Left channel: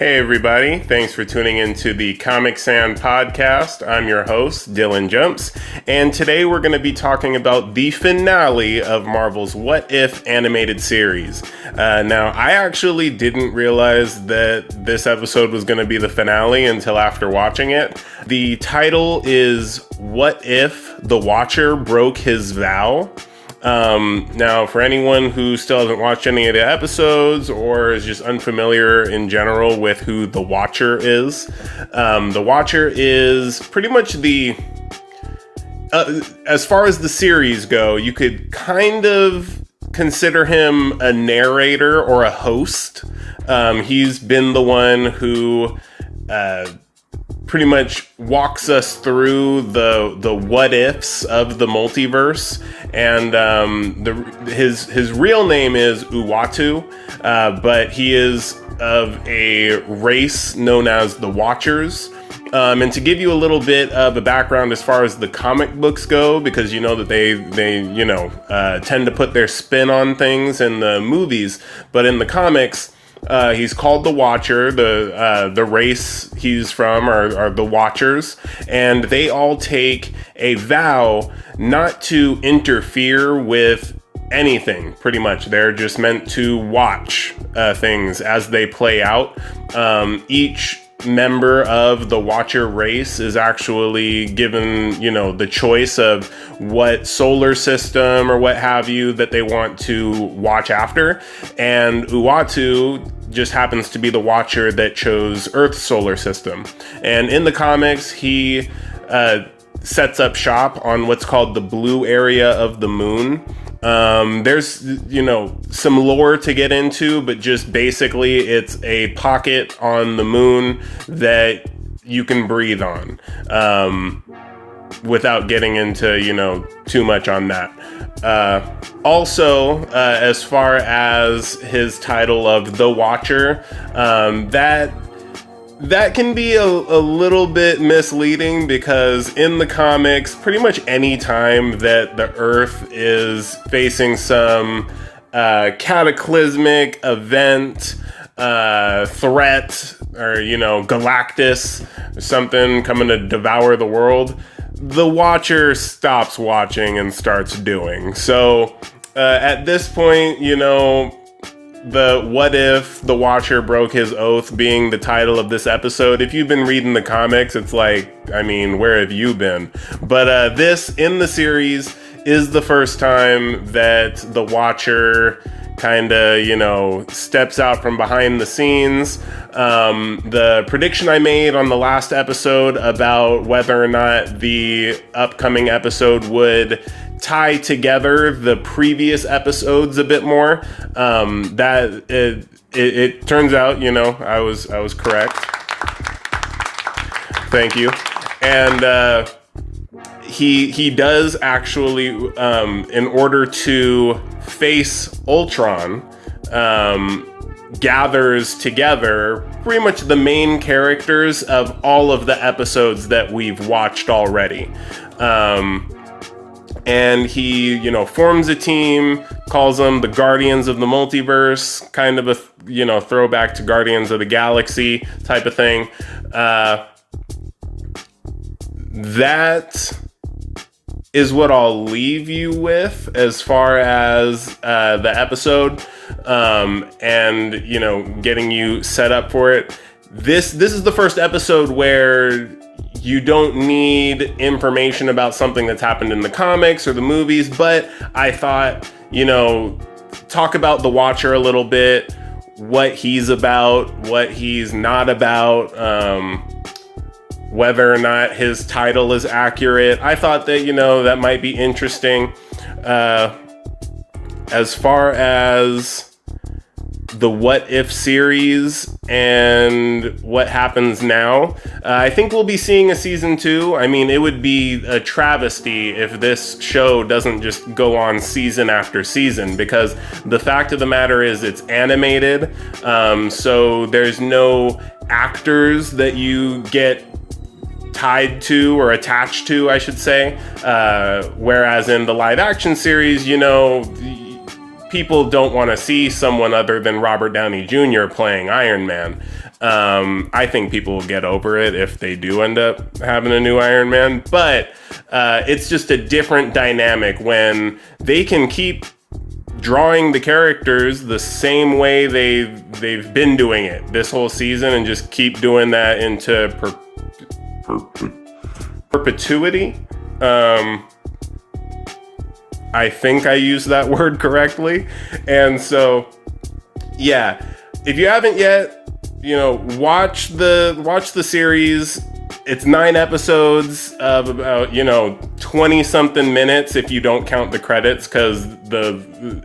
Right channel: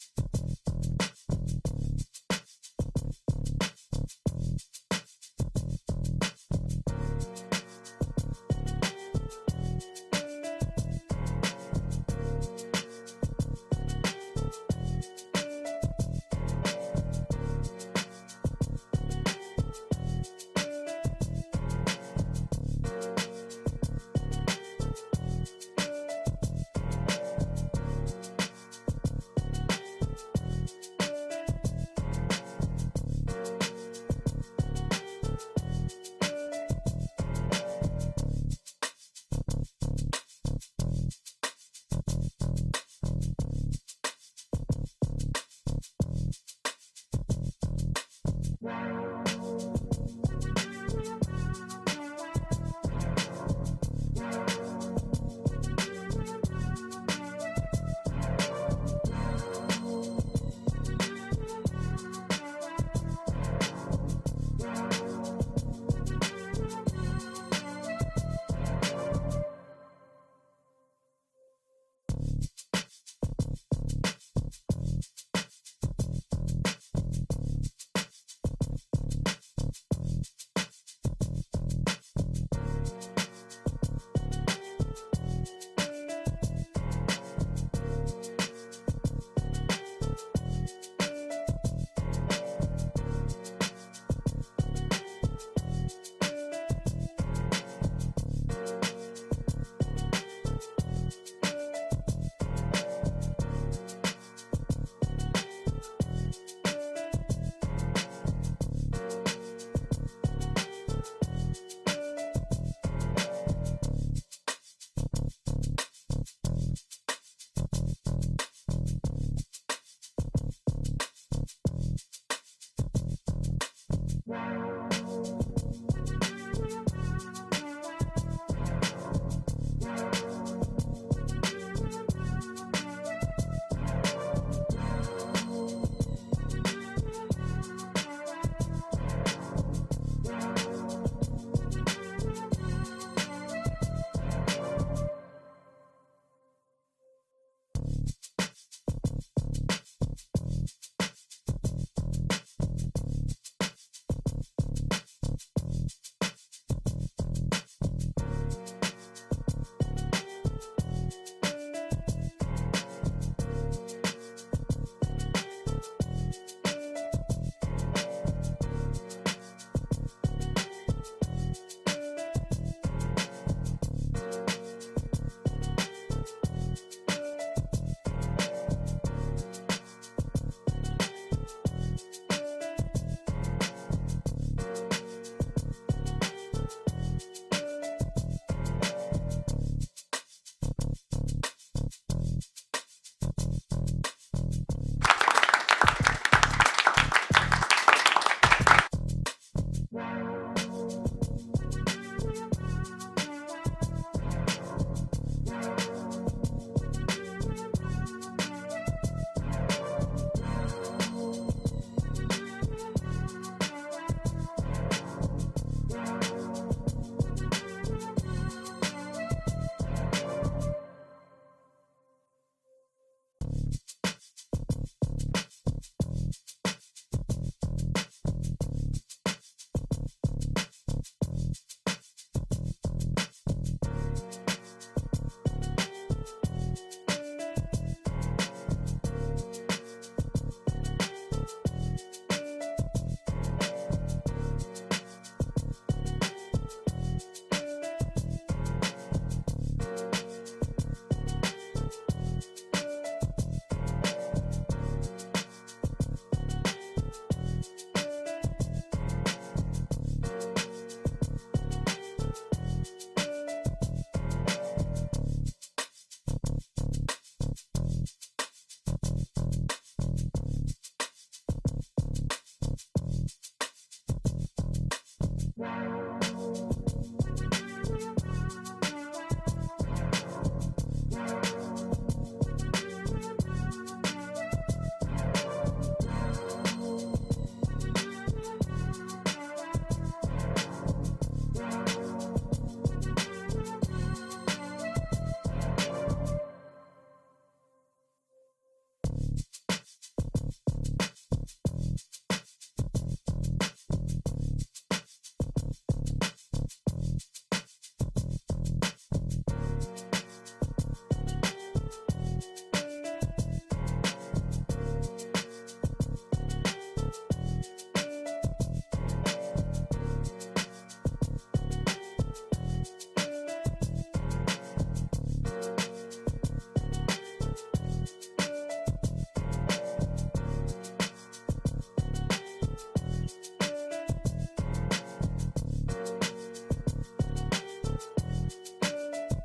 Hey everybody, thanks for tuning into the Comic Sand podcast. I'm your host, Dylan Jumps, and today we're going to be talking about the finale of Marvel's What If animated series. Now, I actually didn't realize that this episode was going to be the finale until after watching it. The title is What If the Watcher Broke His Vow? Now, for anyone who still hasn't watched any of the episodes or is just unfamiliar in general with who the Watcher is, the Watcher is pretty much as far as the series go, you could kind of consider him a narrator or a host. He's been the one who pretty much walks us through the what ifs of the multiverse, and his real name is Uatu, but he is of a race known as the Watchers. And to give you a little bit of a background as far as the comic books go, because you know that they tend to put their spin on things in the movies, but in the comics, he's called the Watcher. The race he's from are the Watchers, and they all take a vow not to interfere with anything, pretty much. They're just meant to watch things as they play out. Each member of the Watcher race is actually given, the choice of what solar system or what have you that they want to watch after. And Uatu just happens to be the Watcher that chose Earth's solar system. And in the comics, he sets up shop on what's called the blue area of the moon. There's, some lore to get into, but just basically it's a pocket on the moon that you can breathe on, without getting into, too much on that. Also, as far as his title of The Watcher, that can be a little bit misleading, because in the comics, pretty much any time that the Earth is facing some cataclysmic event, threat, or, Galactus, or something coming to devour the world, the Watcher stops watching and starts doing. So at this point, the what if the Watcher broke his oath being the title of this episode. If you've been reading the comics, it's like, where have you been? But this in the series is the first time that the Watcher kind of, steps out from behind the scenes. The prediction I made on the last episode about whether or not the upcoming episode would tie together the previous episodes a bit more, that it turns out, I was correct. Thank you. And he does actually, in order to face Ultron, gathers together pretty much the main characters of all of the episodes that we've watched already. And he, forms a team, calls them the Guardians of the Multiverse, kind of a, throwback to Guardians of the Galaxy type of thing. That is what I'll leave you with as far as the episode, and, getting you set up for it. This is the first episode where you don't need information about something that's happened in the comics or the movies, but I thought, talk about the Watcher a little bit, what he's about, what he's not about, whether or not his title is accurate. I thought that, that might be interesting. As far as the What If series and what happens now, I think we'll be seeing a season 2. It would be a travesty if this show doesn't just go on season after season, because the fact of the matter is it's animated, so there's no actors that you get tied to or attached to, I should say, whereas in the live action series, people don't want to see someone other than Robert Downey Jr. playing Iron Man. I think people will get over it if they do end up having a new Iron Man, but it's just a different dynamic when they can keep drawing the characters the same way they've been doing it this whole season and just keep doing that into perpetuity. I think I used that word correctly. And so, yeah, if you haven't yet, watch the series. It's 9 episodes of about 20 something minutes if you don't count the credits, because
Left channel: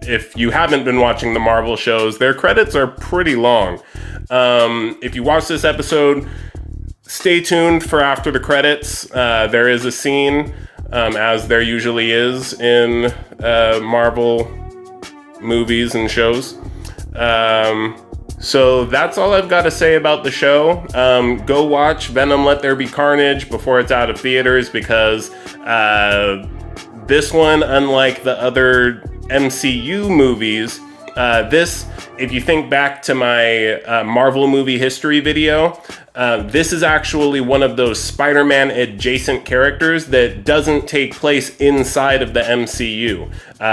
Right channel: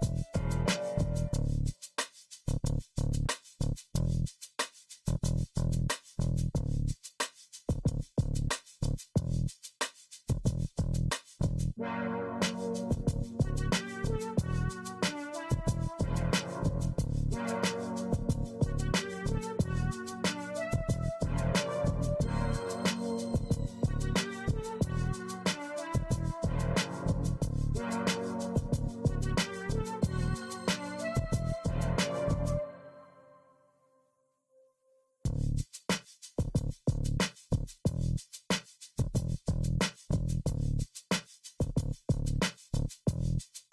if you haven't been watching the Marvel shows, their credits are pretty long. If you watch this episode, stay tuned for after the credits. There is a scene, as there usually is in Marvel movies and shows. So that's all I've got to say about the show. Go watch Venom Let There Be Carnage before it's out of theaters, because this one, unlike the other MCU movies, if you think back to my Marvel movie history video, this is actually one of those Spider-Man adjacent characters that doesn't take place inside of the MCU.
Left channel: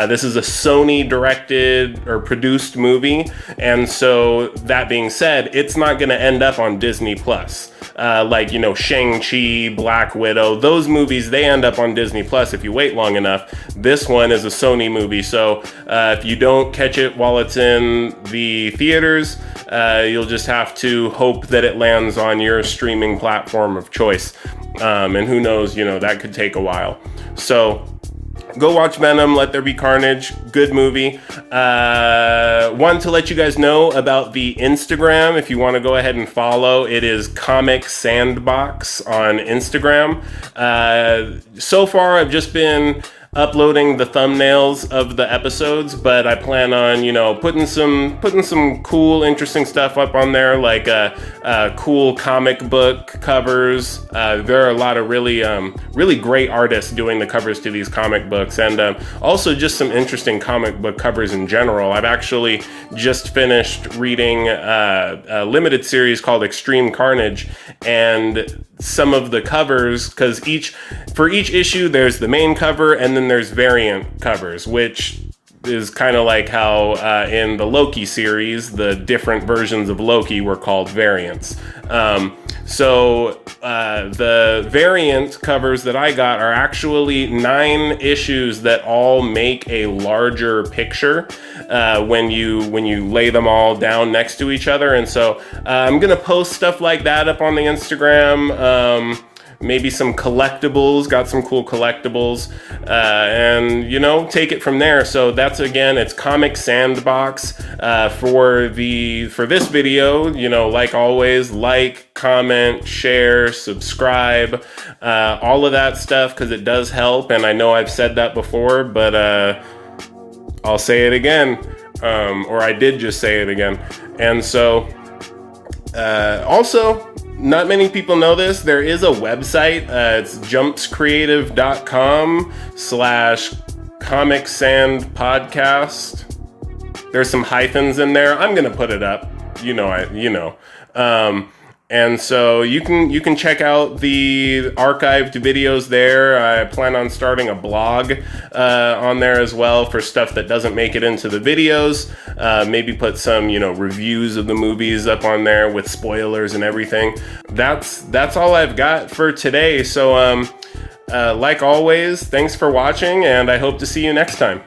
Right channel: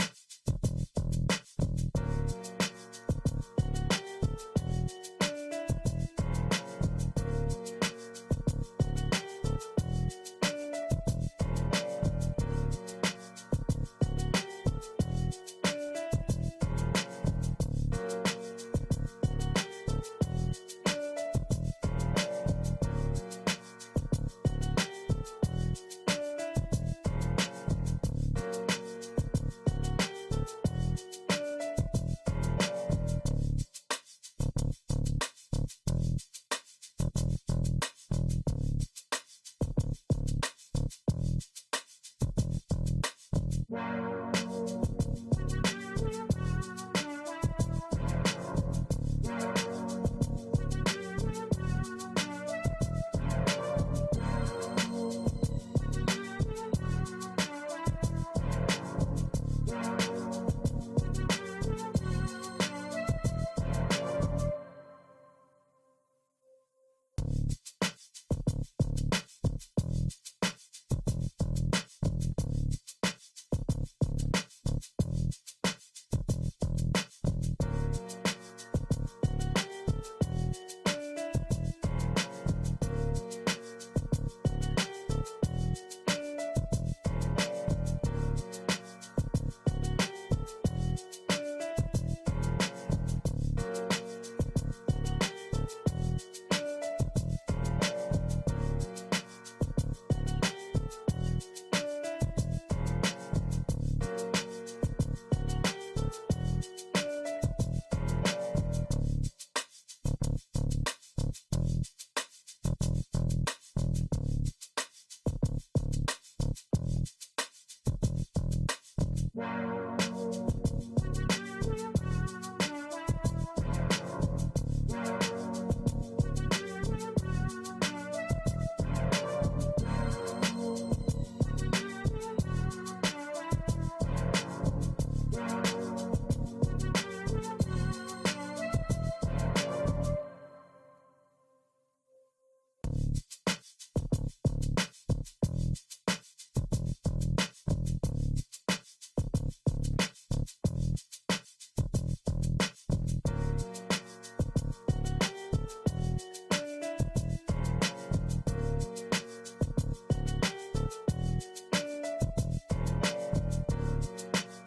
This is a Sony directed or produced movie, and so that being said, it's not going to end up on Disney Plus. Like Shang-Chi, Black Widow, those movies, they end up on Disney Plus if you wait long enough. This one is a Sony movie, so if you don't catch it while it's in the theaters, you'll just have to hope that it lands on your streaming platform of choice. And who knows, that could take a while. So go watch Venom, Let There Be Carnage. Good movie. Want to let you guys know about the Instagram. If you want to go ahead and follow, it is Comic Sandbox on Instagram. So far, I've just been uploading the thumbnails of the episodes, but I plan on, putting some cool, interesting stuff up on there, like cool comic book covers. There are a lot of really great artists doing the covers to these comic books, and also just some interesting comic book covers in general. I've actually just finished reading a limited series called Extreme Carnage, and some of the covers, because for each issue there's the main cover and then there's variant covers, which is kind of like how in the Loki series the different versions of Loki were called variants. So the variant covers that I got are actually 9 issues that all make a larger picture when you lay them all down next to each other. And so I'm gonna post stuff like that up on the Instagram. Maybe some collectibles, got some cool collectibles, and take it from there. So that's, again, it's Comic Sandbox. For this video, like always, like, comment, share, subscribe, all of that stuff, because it does help. And I know I've said that before, but I'll say it again, or I did just say it again. And so also, not many people know this, there is a website. It's jumpscreative.com/Comic Sand Podcast. There's some hyphens in there. I'm gonna put it up. And so you can check out the archived videos there. I plan on starting a blog on there as well for stuff that doesn't make it into the videos. Maybe put some, reviews of the movies up on there with spoilers and everything. That's all I've got for today. So, like always, thanks for watching, and I hope to see you next time.